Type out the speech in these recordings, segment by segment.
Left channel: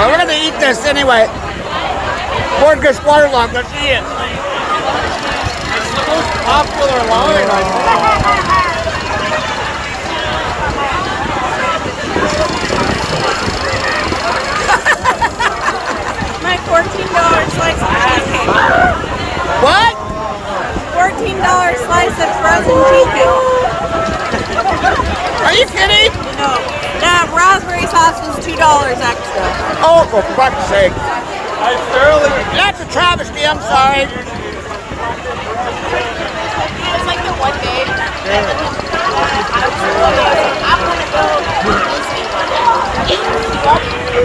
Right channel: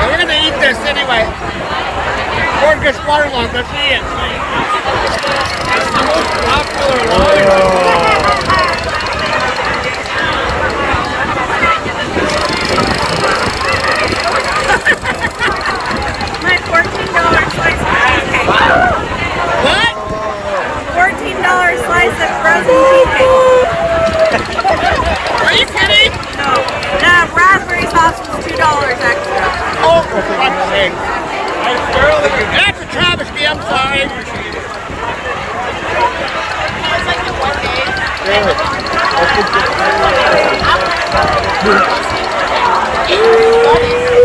But we're gonna eat this anyway. Gorgeous waterlogged. Let's eat it. My $14 slice of cheesecake. What? $14 slice of frozen cheesecake. Are you kidding? No, raspberry sauce was $2 extra. Oh, for fuck's sake. That's a travesty, I'm sorry.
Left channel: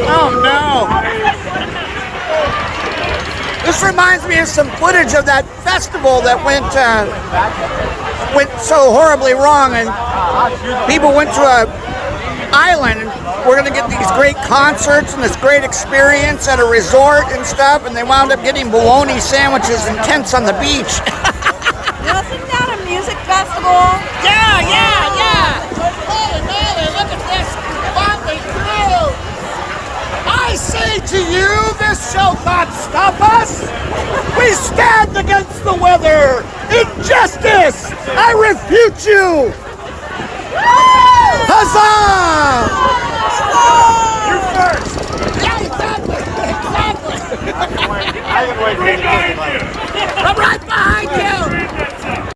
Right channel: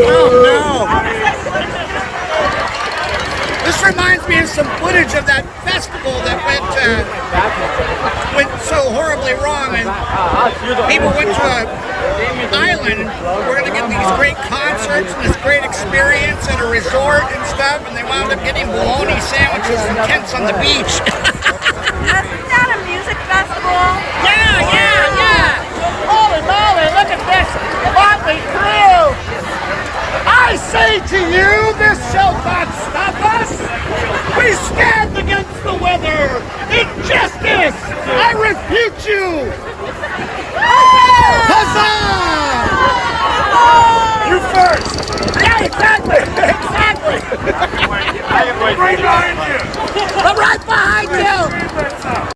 Oh no. This reminds me of some footage of that festival that went so horribly wrong, and people went to an island, and we're going to get these great concerts and this great experience at a resort and stuff, and they wound up getting bologna sandwiches and tents on the beach. Wasn't that a music festival? Yeah. Holy moly, look at this motley crew. I say to you, this shall not stop us. We stand against the weather. Injustice, I refute you. Huzzah! You first! Yeah, exactly. Right behind you! I'm right behind you.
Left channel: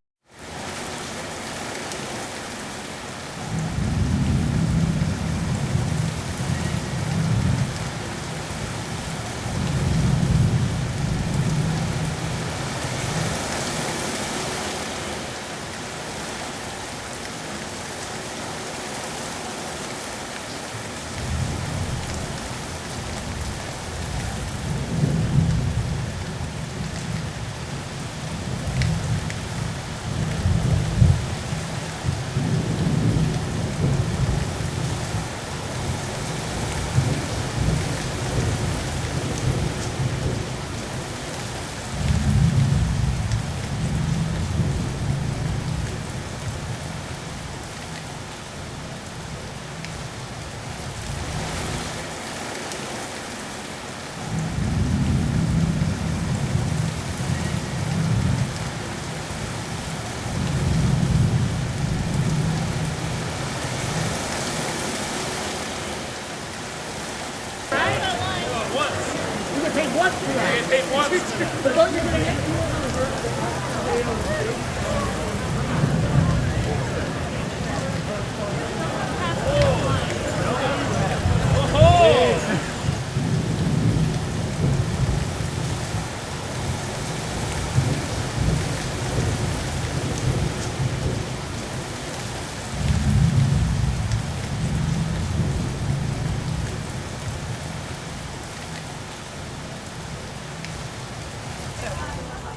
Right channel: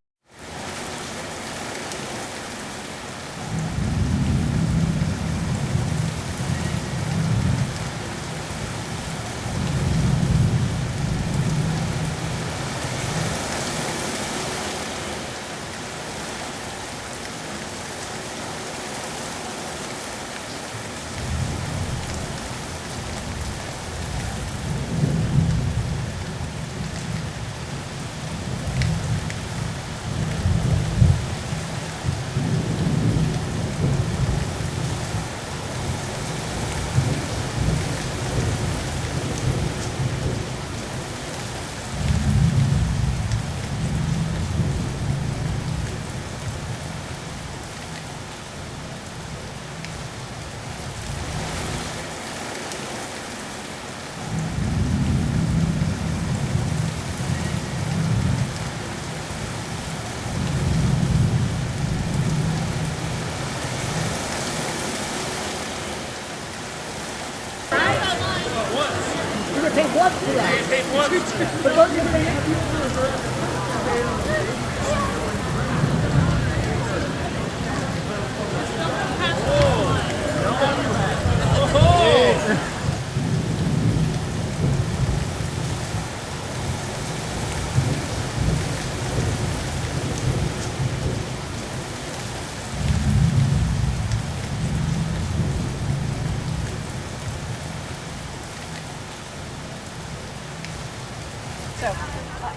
Take what today?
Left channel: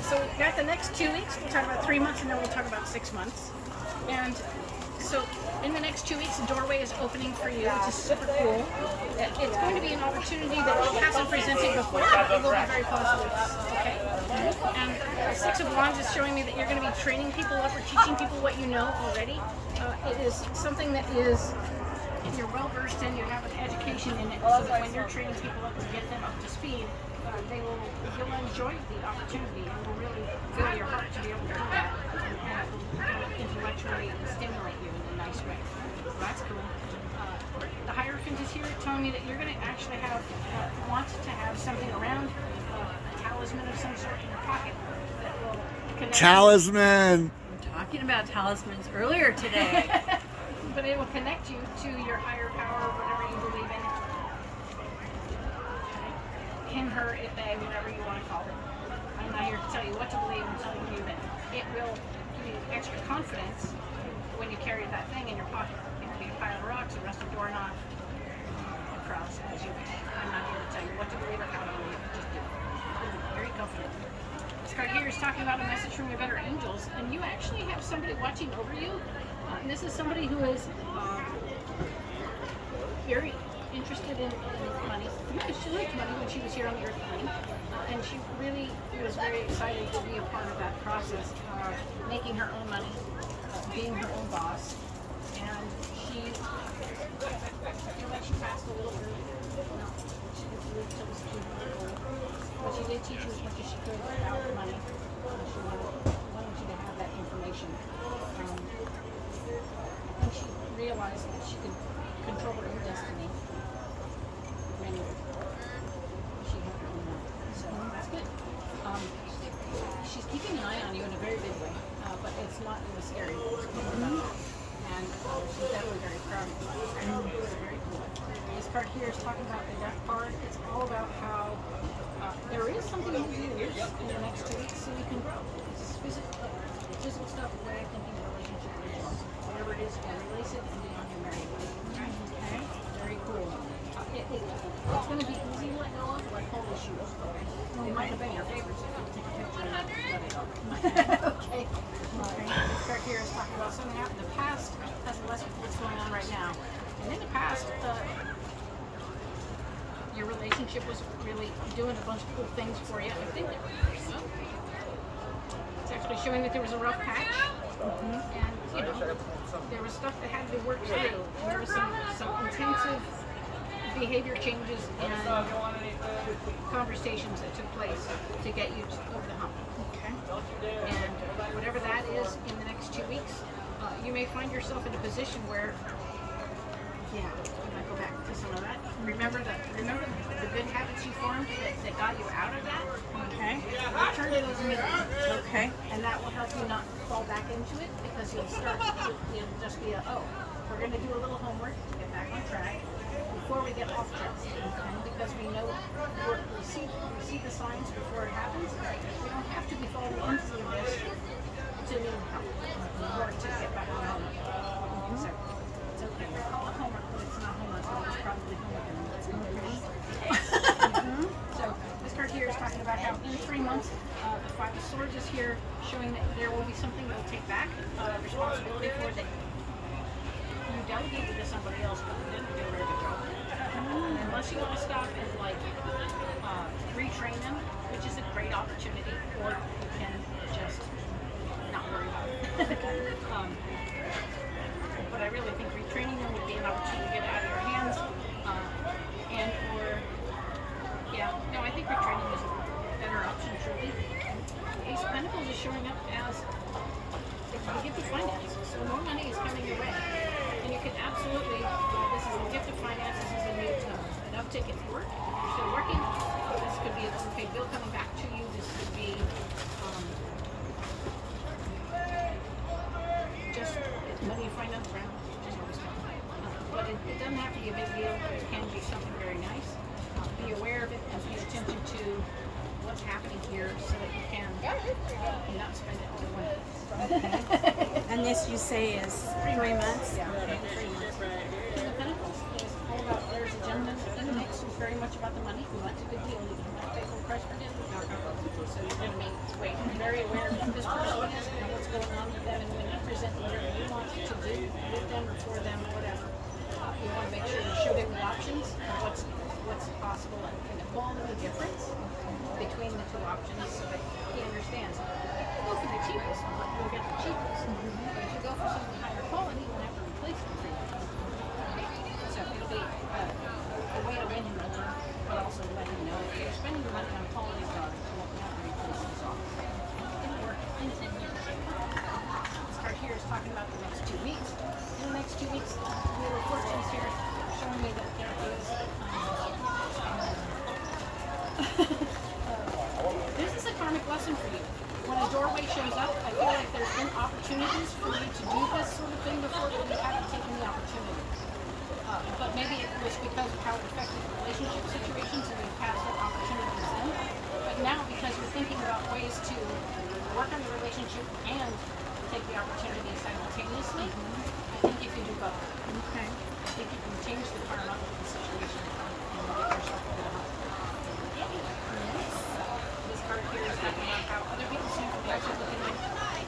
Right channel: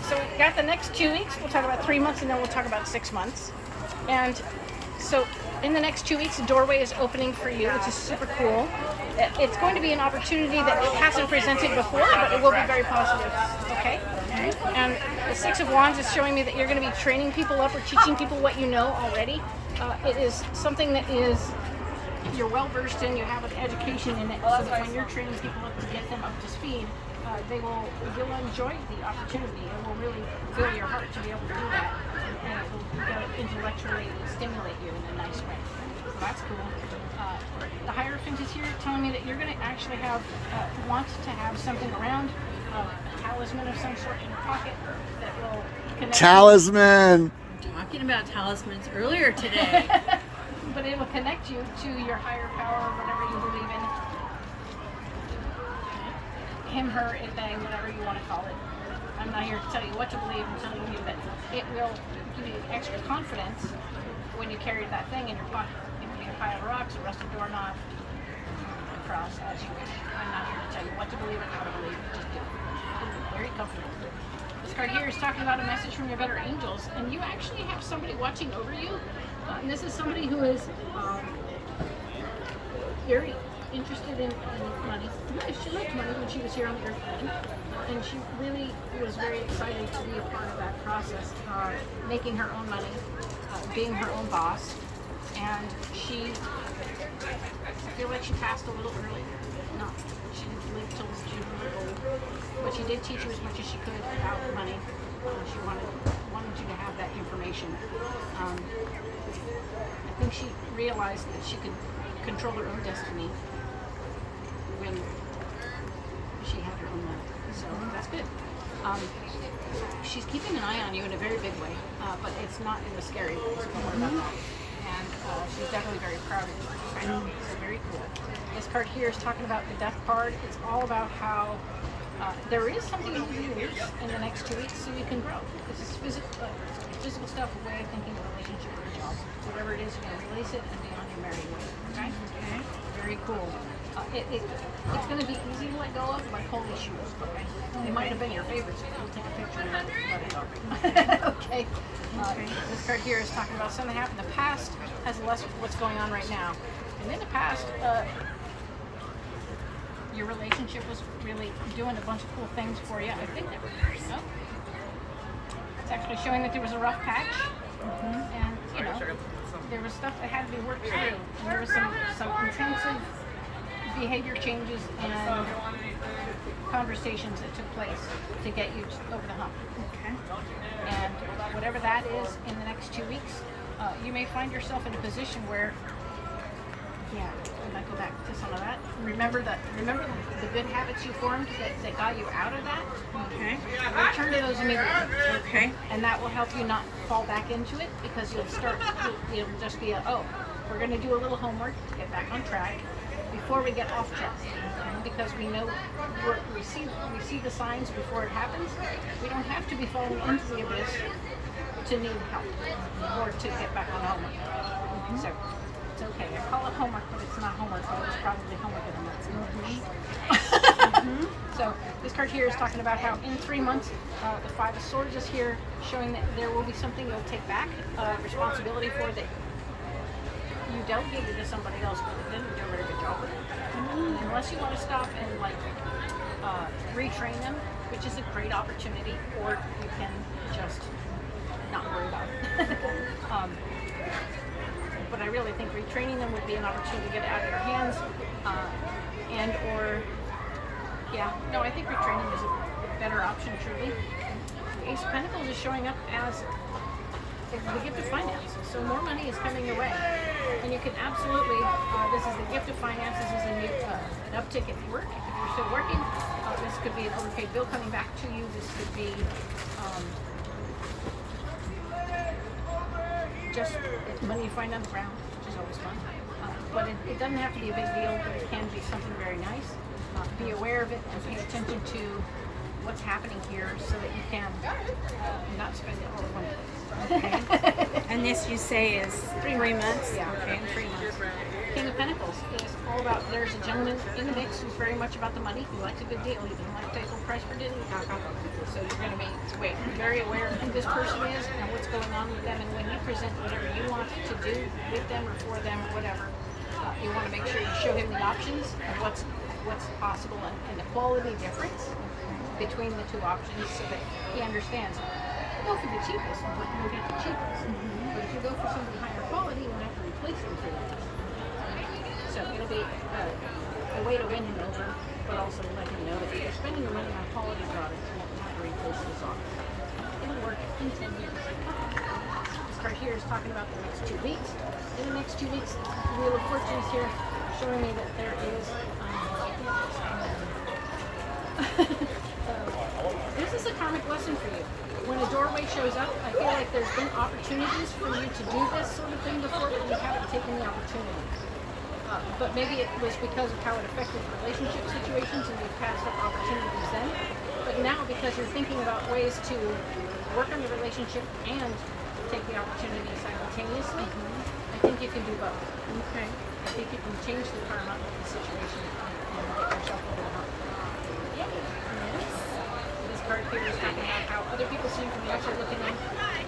So we've got the next 2 weeks. We'll talk about 3 months, and then we'll talk about 6 months. And so in the next 2 weeks, the doorway is opening for you, which is super cool. It's going to be an opportunity that it hasn't presented before, but it will be very positive. Okay? And the Six of Wands is showing me that you're going to be training people up or teaching people what you know already. It is something that you're well versed in. You have an education in it, so that when you're training people up to get them up to speed, you'll enjoy the opportunity. It will really fill your heart to be able to do that, and it will intellectually stimulate you in a nice way. So that's cool. The Hierophant is here telling me that you're going to actually want to have something around, a talisman of some sort in your pocket that will connect. Talisman. Talking about talismans earlier today. But it will connect you to your higher power, whatever you believe in. Him, her, it, they, whatever you want to call it. I'm not here to tell you what to believe. I'm telling you that it will give you extra confidence when you carry that thing in your pocket. It can be a pile of rocks, a rusty doorknob, a cross, as you wish. I'm not here to tell you what to believe or how to believe. Just do it. Very comfortable. This card here is talking about a message from your better angels, and you actually have somebody watching over you. And this is somebody who is very interested in money. She liked money when she was here on the Earth plane, and she really was very excited to be a part of that process, making her own money, being her own boss. And I feel like she passed a little early. She didn't live did teach you as much as she could about money. She wanted you to have that information. I think she realized that she could control her own destiny when she had her own money. So that's good. She's keeping an eye on you in a very big way, but it's not in a scary way. So don't worry about that. And she's definitely very proud of you. It's very cool. This card here is talking about the death card. It's all about how there is something you can lose in the next 2 weeks so you can grow. This is physical stuff, a way of thinking, a relationship, or a job. Whatever it is, you can release it and be on your merry way. Okay? Very cool. It's going to be easy to let go of, like holy shoes. Okay? They might have been your favorites. You'll take a picture and let it go. Okay? This card here is talking about something that happened in the past has less with what's going on right now. And in the past, your relationship was really doing a bunch of cool things for you. I think it's actually showing that there was a rough patch, and there was stuff that had to be worked through, and there was some intensive behavior changes and conversations that took place to get you over the hump. And whatever that is in the next 2 weeks, you may find yourself in a position where, I might go back to some of that. Remember the good habits you formed that got you out of that. Okay. Return to those immediately. Okay. And that will help you not fall back into it, because you'll just be we're going to do a little homework to get back on track before we get off track. Because we know we see the signs before it happens. We don't have to be falling into the abyss to need help or to get back on homework. So it's okay. I call it homework, but it's not homework, but it was probably homework in a month. So this card here is talking about how in 3 months, the Five of Swords is here, showing that there will be something you'll take back responsibility for that you delegated to somebody else, but you didn't do a very good job with it. And unless you want to stop and retrain them, which is a great opportunity, or you can just not worry about it. But I really think retraining them would be an opportunity to get it out of your hands, I think retraining is a better option, truly. The Ace of Pentacles is showing up as the gift of finance, so more money is coming your way, and you can absolutely, this is the gift of finance, this is an uptick at work. If you're still working, this could be an overpaid bill coming back to you, this could be just money you find on the ground, which is always fun. But it doesn't have to be a big deal, but it can be something very nice. Be aware of it and pay attention to what's happening here so that you can not spend it all in one place. Okay. And this you say is 3 months? Yeah, okay. 3 months. King of Pentacles is all about, there's a gentleman in the mix who's very much about the money. He likes a good deal. He doesn't like to pay full price for dinner. So you're going to be very aware of who this person is and what's going on with them. And when you present whatever you want to do with them or for them or whatever, you want to make sure you show him the options and what's possible and the quality difference between the two options so that he understands. Go for the cheapest, but you'll get the cheapest. But if you go for something higher quality, you'll have to replace them for you. So it'll be a way to win him over, but also let him know that if you're spending the money on quality products, you won't have to replace this office. It'll work in 10 years. This card here is talking about the next 2 weeks. In the next 2 weeks, the Wheel of Fortune is here, showing me that there is this is a karmic lesson for you. When a doorway shows up, I feel like there's been opportunities for you to do this sort of thing before, but you haven't taken the opportunity. But maybe it was because of how it affected relationship situations and you've had some opportunities then. But now, because you're thinking about ways to work on your relationship and take the opportunity simultaneously, I think you can do both. Okay. I think you can change the karma of the situation and get yourself over the hump. This card here is talking about how other people see you from the outside looking in,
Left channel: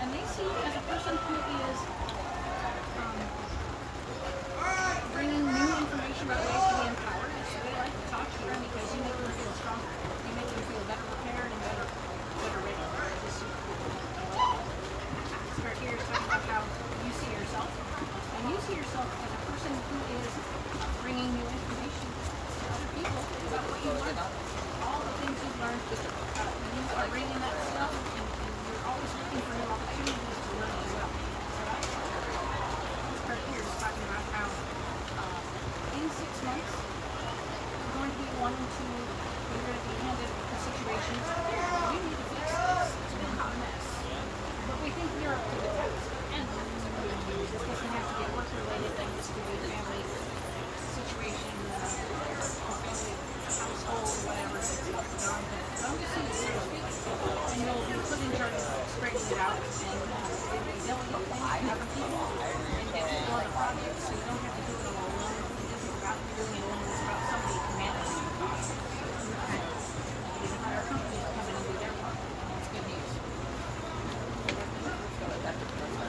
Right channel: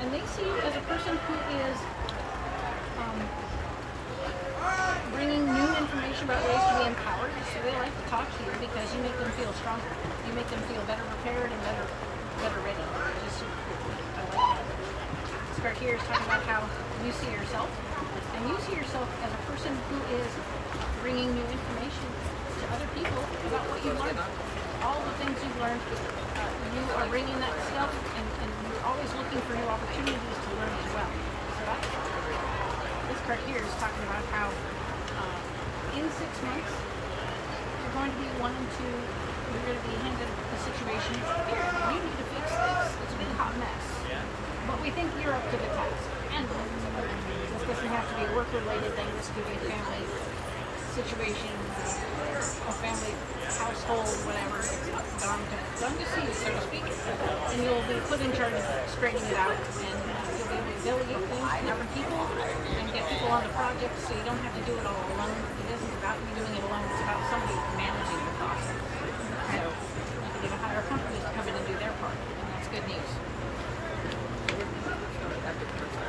and they see you as a person who is bringing new information about ways to be empowered. So they like to talk to you because you make them feel stronger. You make them feel better prepared and better ready. Just super cool. I like that. This card here is talking about how you see yourself, and you see yourself as a person who is bringing new information to other people about what you learned. all the things you've learned, you are bringing that stuff, and you're always looking for new opportunities to learn as well. So that's fun. This card here is talking about how in 6 months you're going to be wanting to, you're going to be handed a situation. Here, you need to fix this. It's a big hot mess. But we think you're up to the task. And this doesn't have to be work-related things, to be family situation, a family household, whatever. It's done to see, so to speak. And you'll be put in charge of straightening it out, and you'll be able to delegate things to different people and get people on the project, so you don't have to do it all alone. It isn't about you doing it alone, it's about somebody managing the process. Okay? You can hire a company to come in and do their part, and that's good news.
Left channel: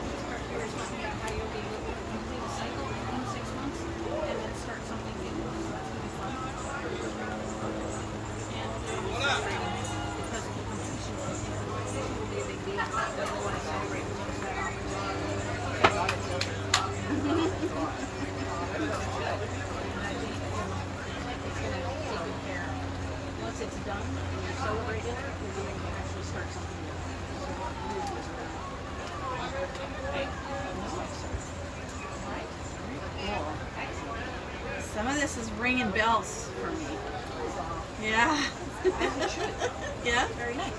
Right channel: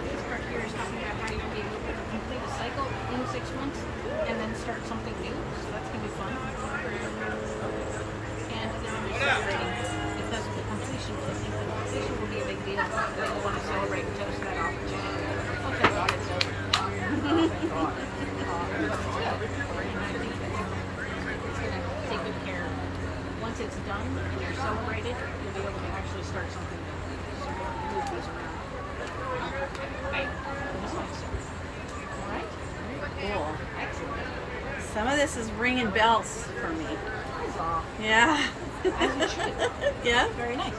This part here is talking about how you'll be able to complete a cycle in 6 months and then start something new, so that's going to be fun. And you'll be celebrating because of the completion. I think the completion will be a big deal. You'll want to celebrate and toast that opportunity. Okay, well, it's good. It's going to take good care. Once it's done and you're celebrated, you'll be able to actually start something new. So move these around. Cool. Some of this is ringing bells for me. Yeah. As it should. Yeah. Very nice.